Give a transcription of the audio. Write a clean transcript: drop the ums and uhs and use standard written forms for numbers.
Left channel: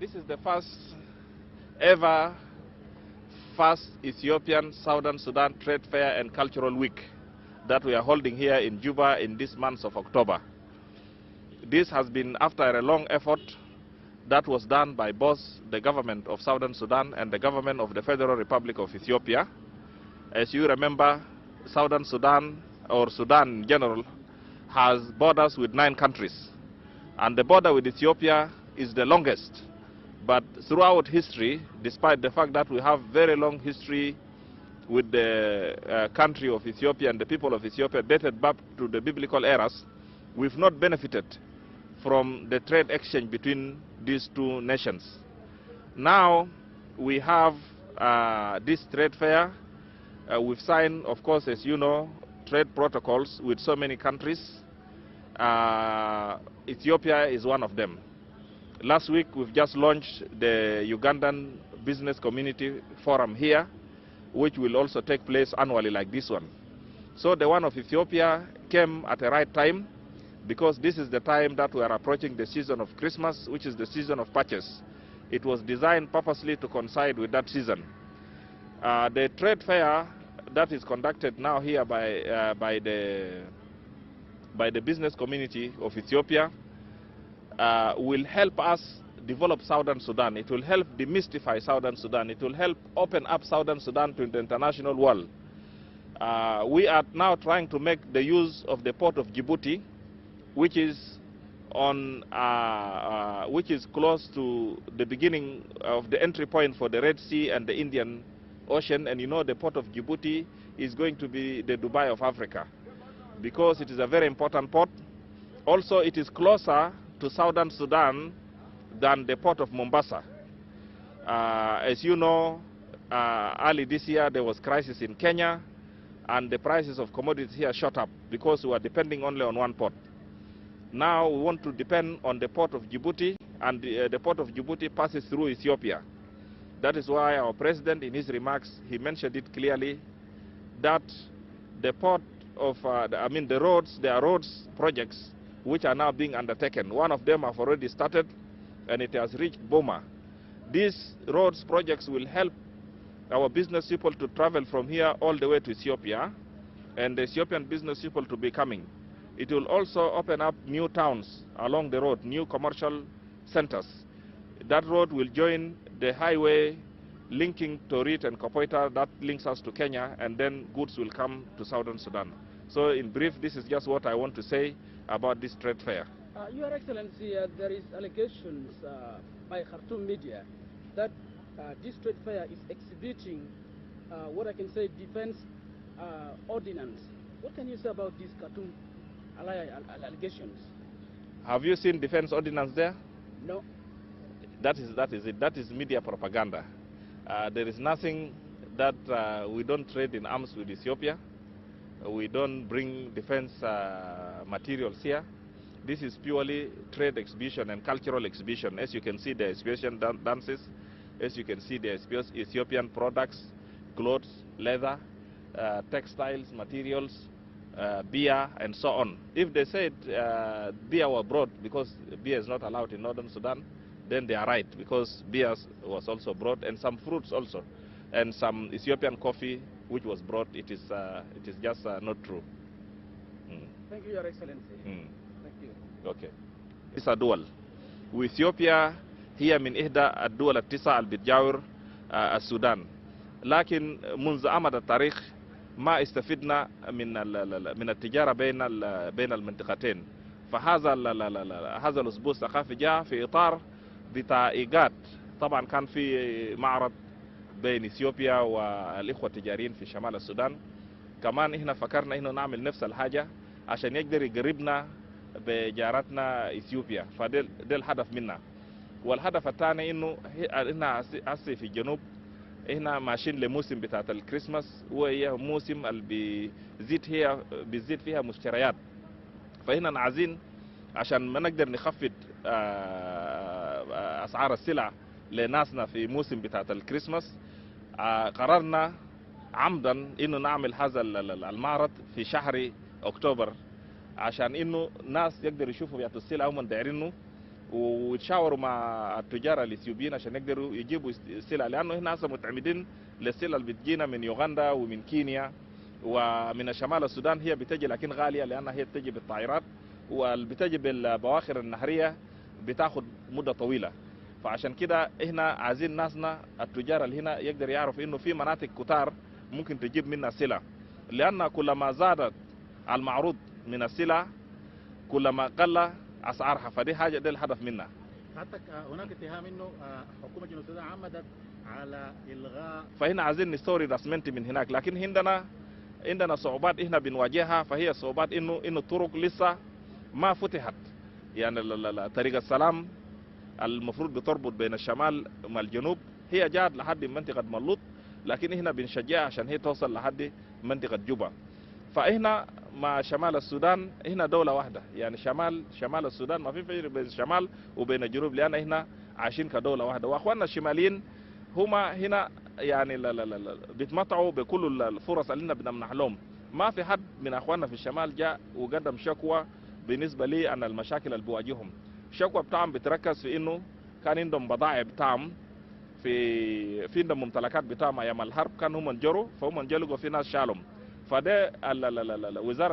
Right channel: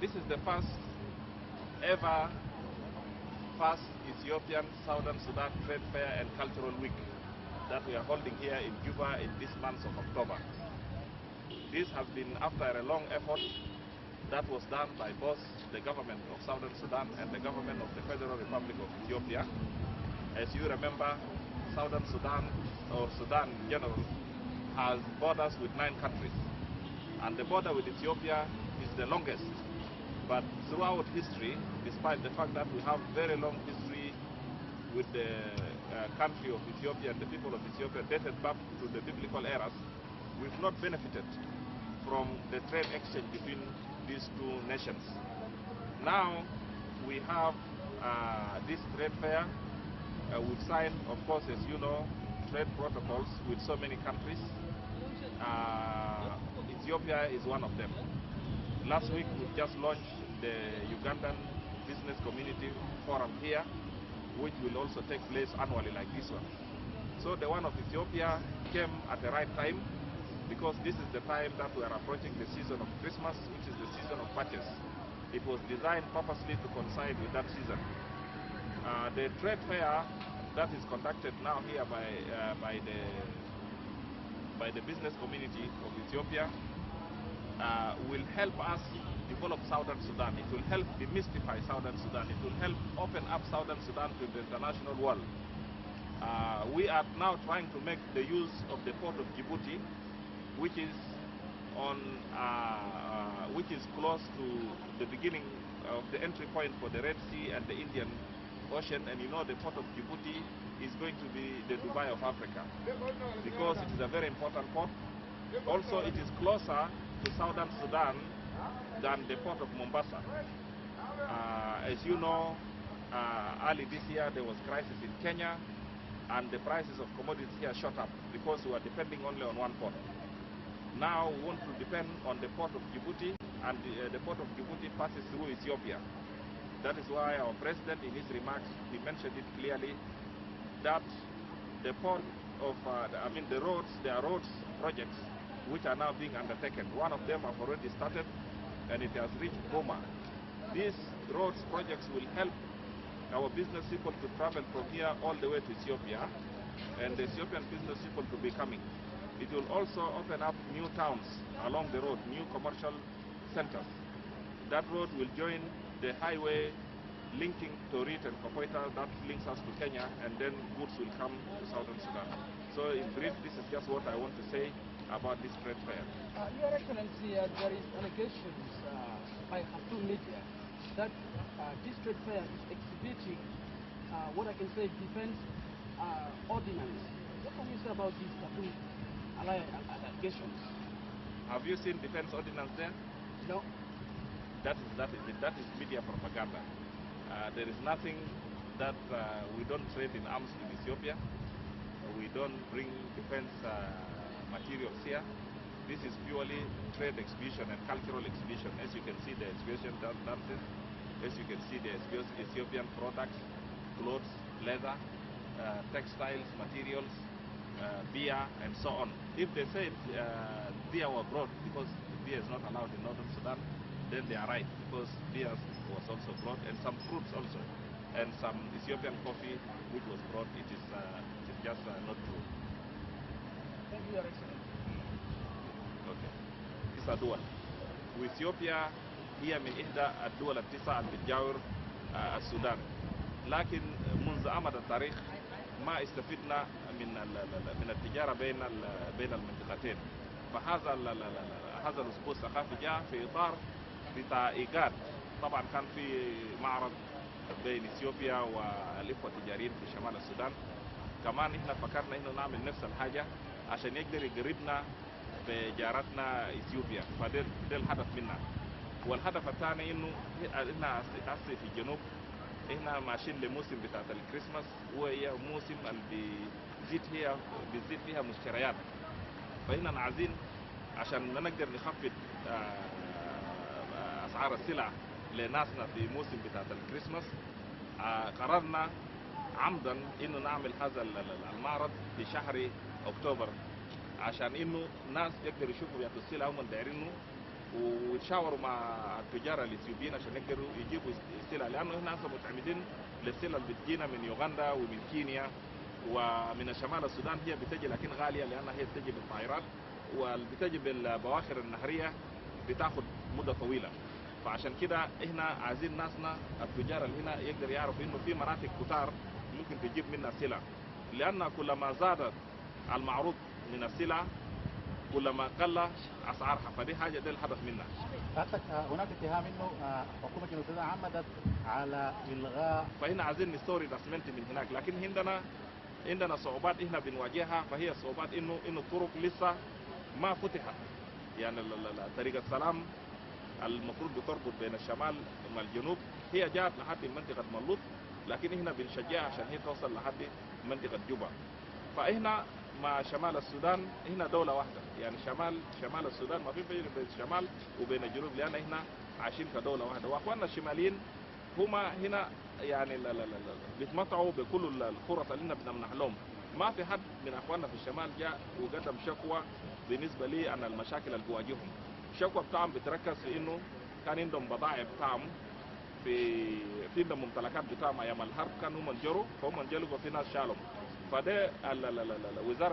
This is the ever first Ethiopian Southern Sudan Trade Fair and Cultural Week that we are holding here in Juba in this month of October. This has been after a long effort that was done by both the government of Southern Sudan and the government of the Federal Republic of Ethiopia. As you remember, Southern Sudan, or Sudan in general, has borders with 9 countries. And the border with Ethiopia is the longest. But throughout history, despite the fact that we have very long history with the country of Ethiopia and the people of Ethiopia dated back to the biblical eras, we've not benefited from the trade exchange between these two nations. Now we have this trade fair. We've signed, of course, as you know, trade protocols with so many countries. Ethiopia is one of them. Last week we've just launched the Ugandan Business Community Forum here, which will also take place annually like this one. So the one of Ethiopia came at the right time, because this is the time that we are approaching the season of Christmas, which is the season of purchase. It was designed purposely to coincide with that season. The trade fair that is conducted now here by the business community of Ethiopia will help us develop Southern Sudan. It will help demystify Southern Sudan. It will help open up Southern Sudan to the international world. We are now trying to make the use of the port of Djibouti, which is close to the beginning of the entry point for the Red Sea and the Indian Ocean. And you know, the port of Djibouti is going to be the Dubai of Africa, because it is a very important port. Also, it is closer to Southern Sudan than the port of Mombasa. As you know, early this year there was crisis in Kenya, and the prices of commodities here shot up because we were depending only on one port. Now we want to depend on the port of Djibouti, and the port of Djibouti passes through Ethiopia. That is why our president, in his remarks, he mentioned it clearly that the port of, the roads, there are roads projects which are now being undertaken. One of them have already started, and it has reached Boma. These roads projects will help our business people to travel from here all the way to Ethiopia, and the Ethiopian business people to be coming. It will also open up new towns along the road, new commercial centers. That road will join the highway linking Torit and Kopoita that links us to Kenya, and then goods will come to Southern Sudan. So in brief, this is just what I want to say about this trade fair. Your Excellency, there is allegations by Khartoum media that this trade fair is exhibiting what I can say defense ordinance. What can you say about these Khartoum allegations? Have you seen defense ordinance there? No. That is it. That is media propaganda. There is nothing that we don't trade in arms with Ethiopia. We don't bring defense materials here. This is purely trade exhibition and cultural exhibition. As you can see, the exhibition dances. As you can see, the Ethiopian products, clothes, leather, textiles, materials, beer, and so on. If they said beer were brought, because beer is not allowed in Northern Sudan, then they are right, because beer was also brought, and some fruits also, and some Ethiopian coffee which was brought. It is just not true. Thank you, Your Excellency. Okay. It's a dual. وإثيوبيا هي من إحدى الدول التسع اللي بتجاور السودان، لكن منذ أمد التاريخ ما استفدنا من التجارة بين المنطقتين. فهذا هذا الأسبوع الثقافي جاء في إطار بتاع إيجاد. طبعا كان في معرض بين إثيوبيا والإخوة التجاريين في شمال السودان. كمان إحنا فكرنا إنه نعمل نفس الحاجة عشان يقدر يقربنا بجارتنا إثيوبيا. فده الهدف منا. والهدف الثاني إنه إحنا هسه في الجنوب إحنا ماشيين لموسم بتاعت الكريسماس، وهي موسم اللي بيزيد فيها مشتريات. فهنا عايزين عشان ما نقدر نخفض أسعار السلع لناسنا في موسم بتاعت الكريسماس، قررنا عمدا إنه نعمل هذا المعرض في شهر أكتوبر، عشان إنه ناس يقدر يشوفوا بيعطوا السلع هم دايرينه، ويتشاوروا مع التجار الاثيوبيين عشان يقدروا يجيبوا السلع، لانه هنا هسه متعمدين للسلع اللي بتجينا من يوغندا ومن كينيا ومن شمال السودان. هي بتجي لكن غاليه لانها هي بتجي بالطائرات، واللي بتجي بالبواخر النهريه بتاخد مده طويله. فعشان كده احنا عايزين ناسنا التجار اللي هنا يقدر يعرف انه في مناطق كتار ممكن تجيب منها سلع، لان كلما زادت المعروض من السلع كلما قل اسعارها، فدي حاجه ده الهدف منها. هناك اتهام انه حكومه جنوب السودان عمدت على الغاء، فهنا عايزين نستورد اسمنت من هناك، لكن عندنا صعوبات احنا بنواجهها، فهي صعوبات انه الطرق لسه ما فتحت. يعني طريق السلام المفروض بتربط بين الشمال مع الجنوب هي جات لحد منطقه ملوط، لكن احنا بنشجعها عشان هي توصل لحد منطقه جوبا. فاحنا مع شمال السودان هنا دوله واحده، يعني شمال السودان ما في فرق بين الشمال وبين الجنوب، لان احنا عايشين كدوله واحده. واخواننا الشماليين هما هنا يعني لا بيتمتعوا بكل الفرص اللي احنا بنمنح لهم. ما في حد من اخواننا في الشمال جاء وقدم شكوى بالنسبه لي عن المشاكل اللي بواجههم. الشكوى بتاعهم بتركز في انه كان عندهم بضائع بتاعهم في عندهم ممتلكات بتاعهم ايام الحرب، كانوا هم انجروا، فهم انجلقوا في ناس شالهم. فده وزاره